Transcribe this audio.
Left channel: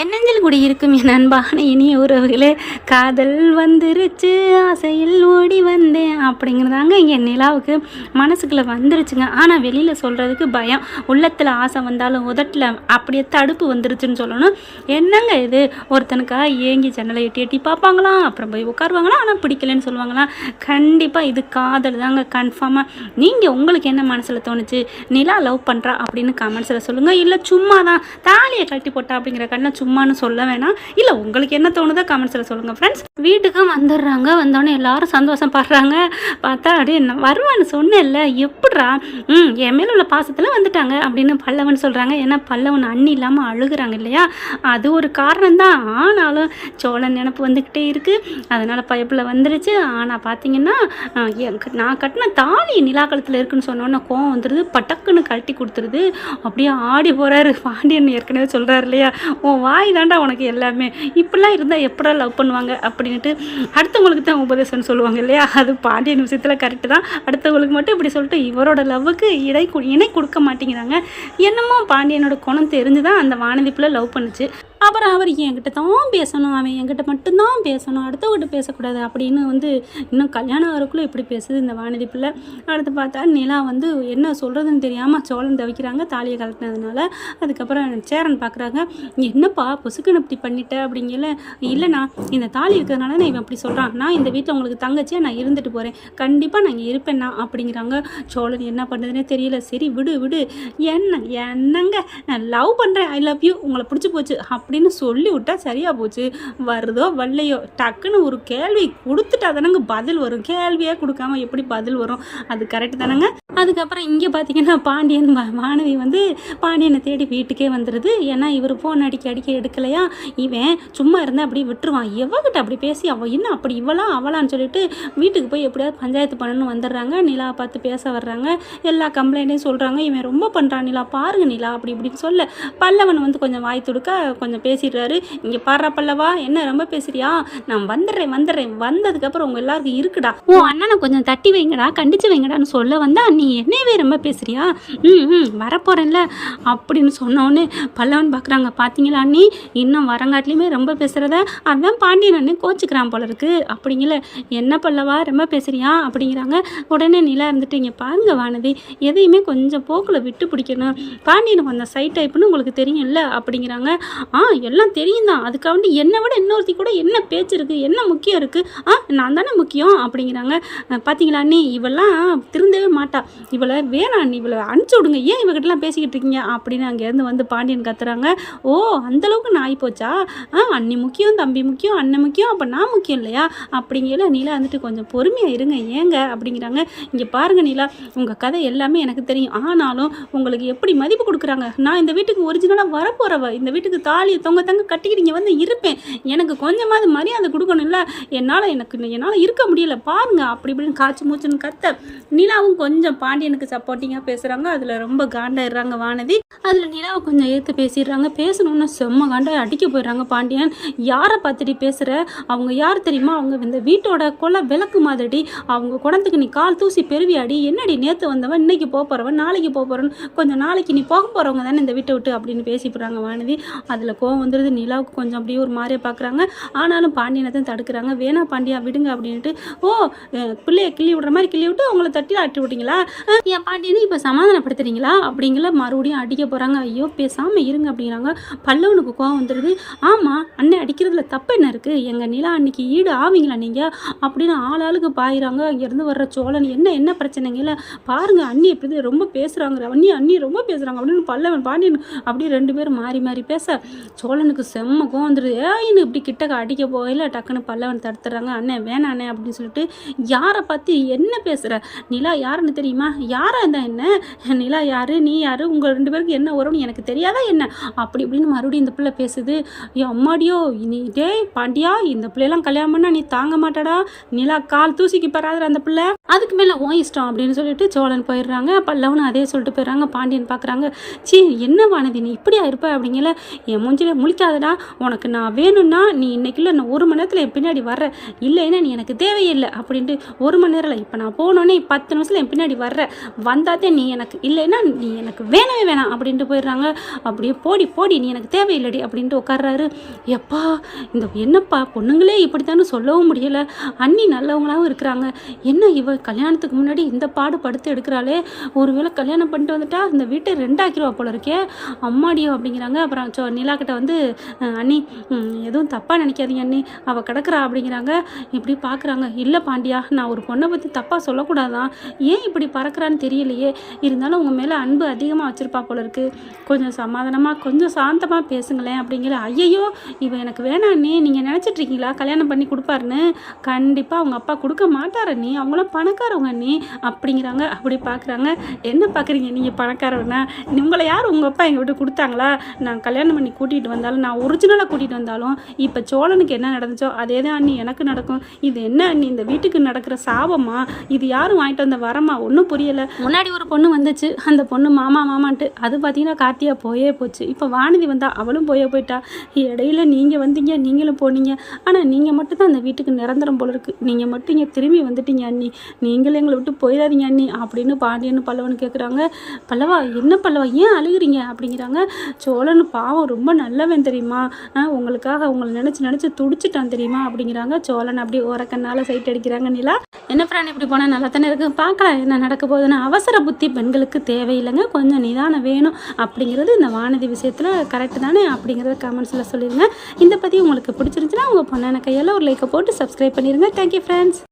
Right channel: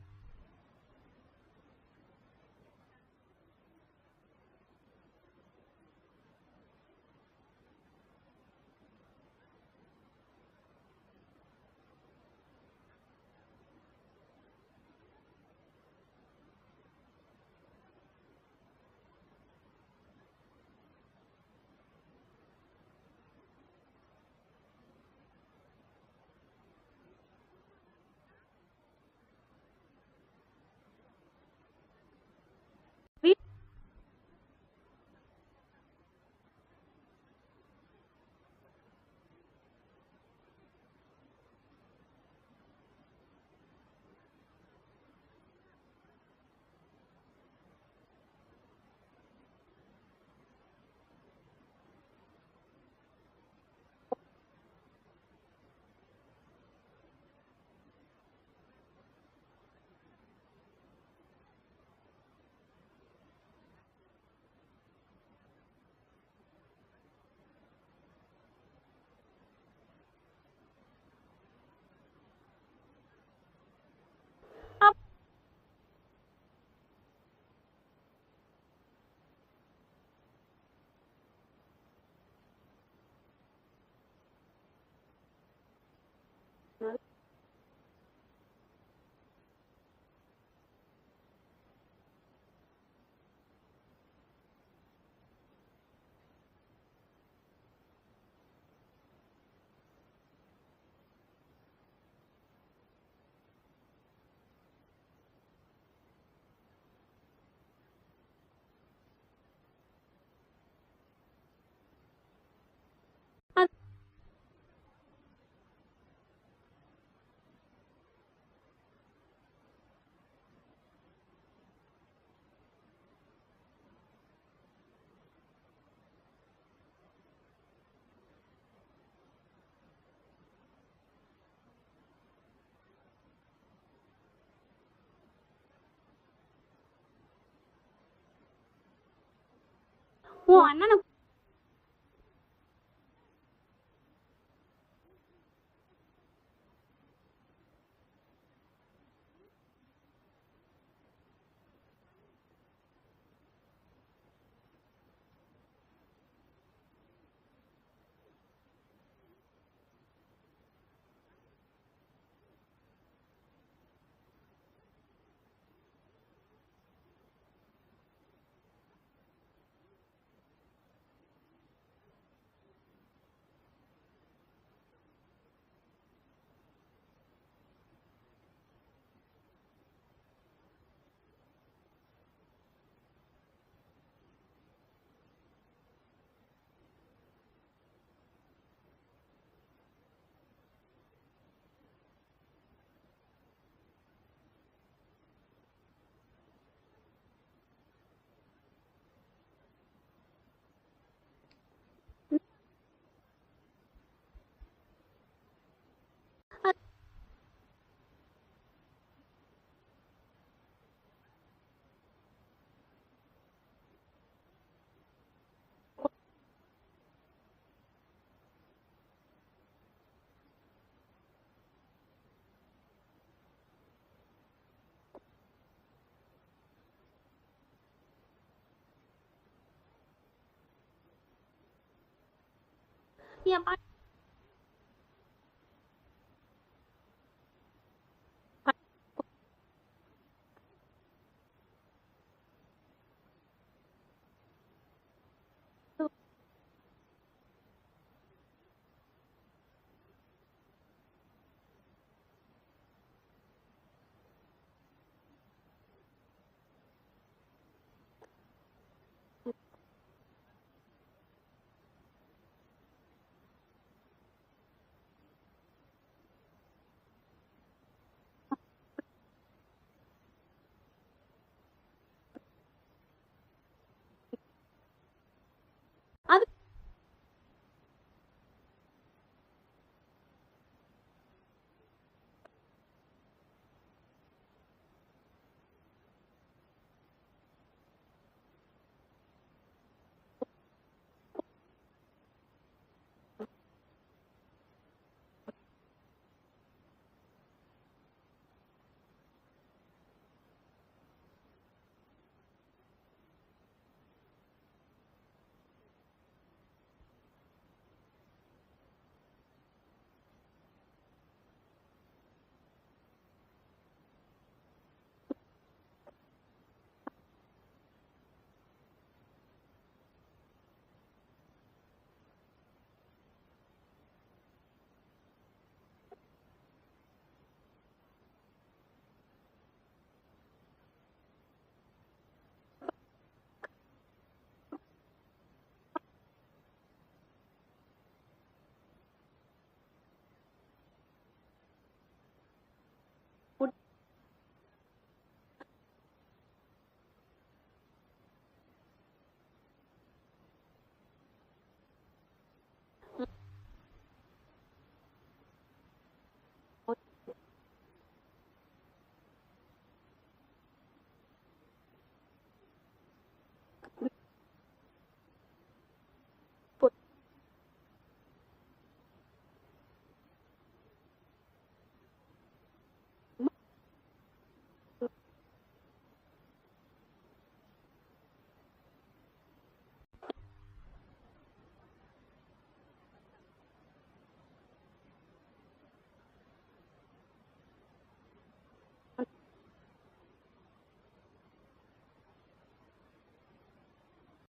என் நெஞ்சில் கூடி இருக்கும் என் அன்பான இனிய உறவுகளே, காதல் வந்துருச்சு ஆசையில் ஓடி வந்தேன் அப்படிங்கிறதாங்க என் நிலாவுக்கு மனசுக்குள்ளே வந்துருச்சுங்க. ஆனால் வெளியில் சொல்கிறதுக்கு பயம். உள்ளத்தில் ஆசை வந்தாலும் உதட்டில் அப்படியே தடுப்பு வந்துருச்சுன்னு சொல்லணும். என்னங்க இது, ஒருத்தனுக்காக ஏங்கி ஜன்னலை எட்டி எட்டி பார்ப்பாங்களாம், அப்புறம் போய் உட்காருவாங்களாம், ஆனால் பிடிக்கலன்னு சொல்லுவாங்களாம். கண்டிப்பாக இது காதல் தாங்க, கன்ஃபார்மாக. நீங்கள் உங்களுக்கு என்ன மனசில் தோணுச்சு? நிலா லவ் பண்ணுறா அப்படின்னு கமெண்ட்ஸில் சொல்லுங்கள். இல்லை சும்மா தான் தாலியை கட்டி போட்டா அப்படிங்கிற கண்ணை சும்மானு சொல்ல வேணாம். இல்லை உங்களுக்கு என்ன தோணுதோ கமெண்ட்ஸில் சொல்லுங்கள் ஃப்ரெண்ட்ஸ். வீட்டுக்கும் வந்துடுறாங்க. வந்தோடனே எல்லாரும் சந்தோஷப்படுறாங்க. பார்த்தா அப்படியே வருவான்னு சொன்னேன்ல, எப்படிரா என் மேலே உள்ள பாசத்தில் வந்துட்டாங்க அப்படின்னு பல்லவன் சொல்கிறாங்க. ஏன்னா பல்லவன் அண்ணி இல்லாமல் அழுகுறாங்க இல்லையா, அது ஒரு காரணம் தான். ஆனாலும் சோழன் நினப்பு வந்துக்கிட்டே இருக்குது, அதனால் பயப்பில் வந்துருச்சு. ஆனால் பார்த்தீங்கன்னா நான் கட்டின தாலி நிலாக்களத்தில் இருக்குன்னு சொன்னோன்னே கோவம் வந்துடுது, பட்டக்குன்னு கட்டி கொடுத்துருது. அப்படியே ஆடி போகிறாரு. பாண்டியன் ஏற்கனவே சொல்கிறாரு இல்லையா, உன் வாய் தாண்டா உனக்கு எல்லாமே, இப்படிலாம் இருந்தால் எப்படா லவ் பண்ணுவாங்க அப்படின்ட்டு அடுத்தவங்களுக்கு தான் உபதேசம்னு சொல்லுவாங்க இல்லையா, அது பாண்டியன் விஷயத்தில் கரெக்டு தான். அடுத்தவங்களுக்கு மட்டும் இப்படி சொல்லிட்டு இவரோட லவ்வுக்கு இணை கொடுக்க மாட்டேங்கிறாங்க. என்னமோ பாண்டியனோட குணம் தெரிஞ்சு தான் அந்த வானதிப்புல லவ் பண்ணுச்சு. அப்புறம் அவர் என்கிட்ட தான் பேசணும், அவன் என்கிட்ட மட்டும்தான் பேசணும், அடுத்தவங்கிட்ட பேசக்கூடாது அப்படின்னு இன்னும் கல்யாணம் ஆகிறக்குள்ளே இப்படி பேசுது இந்த வானதி பிள்ளை. அடுத்து பார்த்தா நிலா என்ன சொல்கிறதுன்னு தெரியாமல் சோழன் தவிக்கிறாங்க தாலியை கலட்டினதுனால. அதுக்கப்புறம் சேரன் பார்க்குறாங்க, என்னப்பா பொசுக்குன்னு இப்படி பண்ணிட்ட அப்படிங்கல. இல்லைண்ணா, இந்த தாலி இருக்கிறதுனால நான் இவன் அப்படி சொல்கிறான், நான் இந்த வீட்டில் உங்களுக்கு தங்கச்சியாக நான் இருந்துட்டு போகிறேன், கண்டிப்பாக நான் இங்கே இருப்பேன்னா அப்படிங்கிறாங்க. சோழன் என்ன பண்ணுறதுனே தெரியல. சரி விடு என்னங்க நான் லவ் பண்ணுறேன், ஐ லவ் யூ, உங்களை பிடிச்சி போச்சு அப்படின்னு சொல்லி விட்டா சரியா போச்சு. வருதோ வரலையோ டக்குன்னு ஒரு கேள்வி கொடுத்துட்டா தானங்க பதில் வரும். கேள்வியே கொடுக்காம எப்படி பதில் வரும்? அது கரெக்ட் தானேங்க. அதுக்கப்புறம் இங்கே பார்த்தீங்கன்னா பாண்டியன் வானதி பாண்டியனை தேடி வீட்டுக்கே வந்துடுது. ஏன்னா இவர் ஃபோன் அடிக்க எடுக்கலையா, இவன் சும்மா இருந்தால் அப்படி விட்டுருவான். எவகிட்ட அப்படி பேசி அவள் என்ன அப்படி அவளான்னு சொல்லிட்டு வீட்டுக்கு போய் எப்படியாவது பஞ்சாயத்து பண்ணணும்னு வந்துடுறாங்க. நிலா பார்த்து பேச வர்றாங்க, எல்லா கம்ப்ளைண்ட்டையும் சொல்கிறாங்க. இவன் ரொம்ப பண்ணுறான் நிலா, பாருங்க நிலா அப்படி இப்படின்னு சொல்ல பல்லவன் கொஞ்சம் வாய் துடுக்க கொஞ்சம் பேசிடுறாரு. இங்கே பாடுறா பல்லவா, என்ன ரொம்ப பேசுறியா, நான் வந்துடுறேன் வந்ததுக்கப்புறம் உங்கள் எல்லாருக்கும் இருக்குடா, ஓ அண்ணனை கொஞ்சம் தட்டி வைங்கடா, கண்டிச்சு வைங்கடான்னு சொல்ல வந்தா நீ என்னவே ரொம்ப பேசுறியா, வரப்போறேன்ல அப்படின்னு சொன்னோன்னு பல்லவன் பார்க்குறாங்க. பார்த்தீங்களா அண்ணி, இன்னும் வரங்காட்டிலையுமே ரொம்ப பேசுகிறத, அதான் பாண்டியன் அண்ணன் கோச்சிக்கிறான் போல இருக்கு அப்படிங்கல. என்ன பல்லவா ரொம்ப பேசுறியா அப்படிங்கிறாங்க. உடனே நிலா இங்கே பாருங்க வானதி, எதையுமே கொஞ்சம் போக்கில் விட்டு பிடிக்கணும், பாண்டியனுக்கு அந்த சைட் டைப்புன்னு உங்களுக்கு தெரியும்ல அப்படிங்கிறாங்க. எல்லாம் தெரியும் தான், அதுக்காக என்னை விட இன்னொருத்தி கூட என்ன பேச்சு இருக்குது, என்ன முக்கியம் இருக்குது, நான் தானே முக்கியம் அப்படிங்கிறாங்க. பார்த்தீங்களா அண்ணி, இவெல்லாம் திருந்தவே மாட்டா, இவளை வேணாம் அண்ணி, இவளை அனுப்பிச்சி விடுங்க, ஏன் இவகிட்டலாம் பேசிக்கிட்டு இருக்கீங்க அப்படின்னு அங்கேருந்து பாண்டியன் கத்துறாங்க. ஓ அந்தளவுக்கு நான் ஆகிப்போச்சா, அண்ணி முக்கியம், தம்பி முக்கியம், அண்ணன் முக்கியம், அப்போ நான் முக்கியம் இல்லையா அப்படிங்கிற. நிலா கொஞ்சம் பொறுமையாக இருங்க ஏங்க அப்படிங்கிறாங்க. இங்கே பாருங்க நிலா, உங்கள் கதை எல்லாமே எனக்கு தெரியும், ஆனாலும் உங்களுக்கு எப்படி மதிப்பு கொடுக்குறாங்க, நான் இந்த வீட்டுக்கு ஒரிஜினலாக வரப்போகிறவ, இந்த வீட்டுக்கு தாலியை தொங்க கட்டிக்கிட்டு இருப்பேன், எனக்கு கொஞ்சமாவது மரியாதை கொடுக்கணும்ல, என்னால் இருக்க முடியல பாருங்க அப்படி இப்படின்னு காய்ச்சி மூச்சுன்னு கத்த. நிலாவும் கொஞ்சம் பாண்டியனுக்கு சப்போர்ட்டிங்காக பேசுகிறாங்க. அதில் ரொம்ப காண்டாயிடுறாங்க வானதி. அதில் நிலாவை கொஞ்சம் ஏற்று பேசிடுறாங்க. பேசணுன்னு செம்ம காண்டாய் அடிக்க போயிடுறாங்க பாண்டியன். யாரை பார்த்துட்டு பேசுகிற, அவங்க யார் தெரியுமா, அவங்க இந்த வீட்டோட கொலை விளக்கு மாதிரி, அவங்க குடத்துக்கு நீ கால் தூசி பெருவியாடி, என்னடி நேற்று வந்தவன் இன்னைக்கு போகிறவன் நாளைக்கு போகிறவன், கொஞ்சம் நாளைக்கு நீ போக போகிறவங்க தானே இந்த வீட்டை விட்டு அப்படின்னு பேசி போடுறாங்க வானதி. அதில் கோவம் வந்துடுது. நிலாவுக்கு கொஞ்சம் அப்படியே ஒரு மாதிரியே பார்க்குறாங்க. ஆனாலும் பாண்டியனை தான் தடுக்கிறாங்க. வேணா பாண்டியா விடுங்க அப்படின்ட்டு. ஓ பிள்ளைய கிள்ளி விடுற மாதிரி கிள்ளி விட்டு அவங்கள தட்டி ஆட்டி விட்டீங்களா, என் பாண்டியனை இப்போ சமாதானப்படுத்துறீங்களா அப்படிங்கிற மறுபடியும் அடிக்க போகிறாங்க. ஐயோ பேசாமல் இருங்க அப்படிங்கிறாங்க. பல்லவனுக்கு கோவம் வந்துடுது. ஆமாம் அண்ணன் அடிக்கிறதுல தப்பு என்ன இருக்குது, எங்கள் நிலா அன்னைக்கு ஈடு ஆவீங்களா நீங்கள் அப்படின்னு ஆளாளுக்கு பாயிறாங்க. அங்கேருந்து வர்ற சோழன் என்ன பிரச்சனைங்கள பாருங்க, அண்ணி எப்படி ரொம்ப பேசுகிறாங்க, அண்ணி ரொம்ப பேசுகிறாங்க அப்படின்னு பல்லவன் பாண்டியன் அப்படியே ரெண்டு பேரும் மாறி பேச சோழனுக்கு செம்ம கோவம் வந்துடுது. ஏன்னு இப்படி கிட்டக்க அடிக்க போகல, டக்குன்னு பல்லவன் தடுத்துறாங்க. அண்ணன் வேணாம் அண்ணே அப்படின்னு சொல்லிட்டு, யாரை பார்த்து என்ன பேசுகிற, நிலா யாருன்னு தெரியுமா, யாரா இருந்தா என்ன, நிலா யாரு நீ யாரு, உங்கள் ரெண்டு பேருக்கு என்ன வரும்னு எனக்கு தெரியாதா என்ன அப்படி இப்படின்னு மறுபடியும் இந்த பிள்ளை பேசுது. ஐயோ அம்மாடியோ, நீ டேய் பாண்டியா, இந்த பிள்ளையெல்லாம் கல்யாணம் பண்ணா நீ தாங்க மாட்டாடா, நிலா கால் தூசிக்கு பெறாத அந்த பிள்ளை, அதுக்கு மேலே ஓ இஷ்டம் அப்படின்னு சொல்லிட்டு சோழன் போயிடுறாங்க. பல்லவனும் அதே சொல்லிட்டு போயிடுறாங்க. பாண்டியன் பார்க்குறாங்க, சீ என்ன வானதி நீ இப்படியா இருப்ப அப்படிங்கல, என் மூஞ்சி முழிக்காதடா, உனக்கு நான் வேணும்னா நீ இன்னைக்குள்ள நான் 1 மணி நேரத்தில் என் பின்னாடி வர்ற, இல்லைன்னா நீ எனக்கு தேவையில்லை அப்படின்ட்டு 1 மணி நேரம் இப்போ நான் போனோன்னே 10 நிமிஷத்தில் என் பின்னாடி வர்ற, வந்தாதே நீ எனக்கு, இல்லைன்னா நீ எனக்கு வேணவே வேணாம் அப்படின்ட்டு போயிடுறாங்க. அப்படியே போடி போடி நீ எனக்கு தேவையில்லடி அப்படின்ட்டு உட்கார்றாரு. எப்பா இந்த என்னப்பா பொண்ணுங்களே இப்படித்தானு சொல்லவும் முடியலை, அண்ணி நல்லவங்களாகவும் இருக்கிறாங்க, என்ன இவ கல்யாணத்துக்கு முன்னாடி இந்த பாடு படுத்து எடுக்கிறாளே, ஒருவேளை கல்யாணம் பண்ணிட்டு வந்துட்டா இந்த வீட்டை 2 ஆக்கிடுவா போல இருக்கே அம்மாடியோ அப்படிங்கிறாங்க. அப்புறம் நிலா கிட்ட வந்து அண்ணி எதுவும் தப்பாக நினைக்காதீங்க அண்ணி, அவள் கிடக்குறா அப்படிங்கிறாங்க. இப்படி பார்க்குறாங்க. இல்லை பாண்டியா, நான் ஒரு பொண்ணை பற்றி தப்பாக சொல்லக்கூடாதான், ஏன் இப்படி பறக்கிறான்னு தெரியலையே, இருந்தாலும் உங்கள் மேலே அன்பு அதிகமாக வச்சுருப்பா போல இருக்குது, கொஞ்சம் சமாதானமாக கொஞ்சம் சாந்தமாக பேசுங்களேன் அப்படிங்கிற. ஐயையோ இவன் எனக்கு வேணாம் அண்ணி, நீங்கள் நினச்சிட்ருக்கீங்களா கல்யாணம் பண்ணி கொடுப்பாருன்னு, கண்டிப்பாக அவங்க அப்பா கொடுக்க மாட்டார் அண்ணி, அவங்களும் பணக்காரவங்க அண்ணி அப்படிங்கிறாங்க. அப்படி பார்க்குறாங்க. என்ன பார்க்குறீங்க நீங்கள் பணக்காரவனா, உங்களை யார் உங்கள் அப்பா எங்கள் வீட்டு கொடுத்தாங்களா, நான் கல்யாணம் பண்ணி கூட்டிகிட்டு வந்தாலும், நான் ஒரிஜினலாக கூட்டிகிட்டு வந்தாலும் இப்போ சோழனுக்கு என்ன நடந்துச்சோ அதே தான் அண்ணி எனக்கு நடக்கும், இது என்ன அண்ணி இந்த வீட்டுக்கு நடக்கிற சாபமா, இது யாரும் வாங்கிட்டு வந்த வரமா, ஒன்றும் புரியலை. முன்னாடி ஒரு பொண்ணு வந்துச்சு, அந்த பொண்ணு மாமா மாமான்ட்டு, அது பார்த்தீங்கன்னா கார்த்தியா போயே போச்சு, இப்போ வானதி வந்தா அவளும் போயிட்டா, இடையில நீங்கள் வந்தீங்க நீங்களும் போனீங்க, ஆனால் நீங்கள் மட்டும் தான் அந்த வீட்டுக்கு நிரந்தரம் போல இருக்குது, நீங்கள் மட்டும் இங்கே திரும்பி வந்துட்டீங்க அண்ணி, நீங்களும் எங்களை விட்டு போயிடாதீங்க அண்ணி அப்படின்னு பாண்டியன்னு பல்லவன் கேட்குறாங்க. பல்லவா என்ன பல்லவா ஏன் அழுகிறீங்க அப்படிங்கிறாங்க. சோழன் பாவம் ரொம்ப நல்லவன் தெரியுமா, உங்களுக்காக உங்களை நினச்சி துடிச்சிட்டான் தெரியுமா அப்படிங்கிறாங்க. சோழன் அப்படி ஓரக்கண்ணால் சைட் அடிக்கிறாங்க. நிலா என்ன பிராணி இப்படி போனால் நல்லா தானே இருக்குது, பார்க்கலாம் என்ன நடக்க போகுதுன்னு. அவசர புத்தி பெண்களுக்கு தேவையில்லைங்க, கொஞ்சம் நிதானம் வேணும் அப்படிங்கிறது இந்த வானதி விஷயத்தில் கரெக்டு தானே அப்படிங்கிறத கமெண்ட்ஸில் சொல்லிடுங்க. இந்த பற்றி உங்களுக்கு பிடிச்சிருந்துச்சுன்னா உங்கள் பொண்ணான கையால் ஒரு லைக்கை போட்டு சப்ஸ்கிரைப் பண்ணிடுங்க. Thank you friends.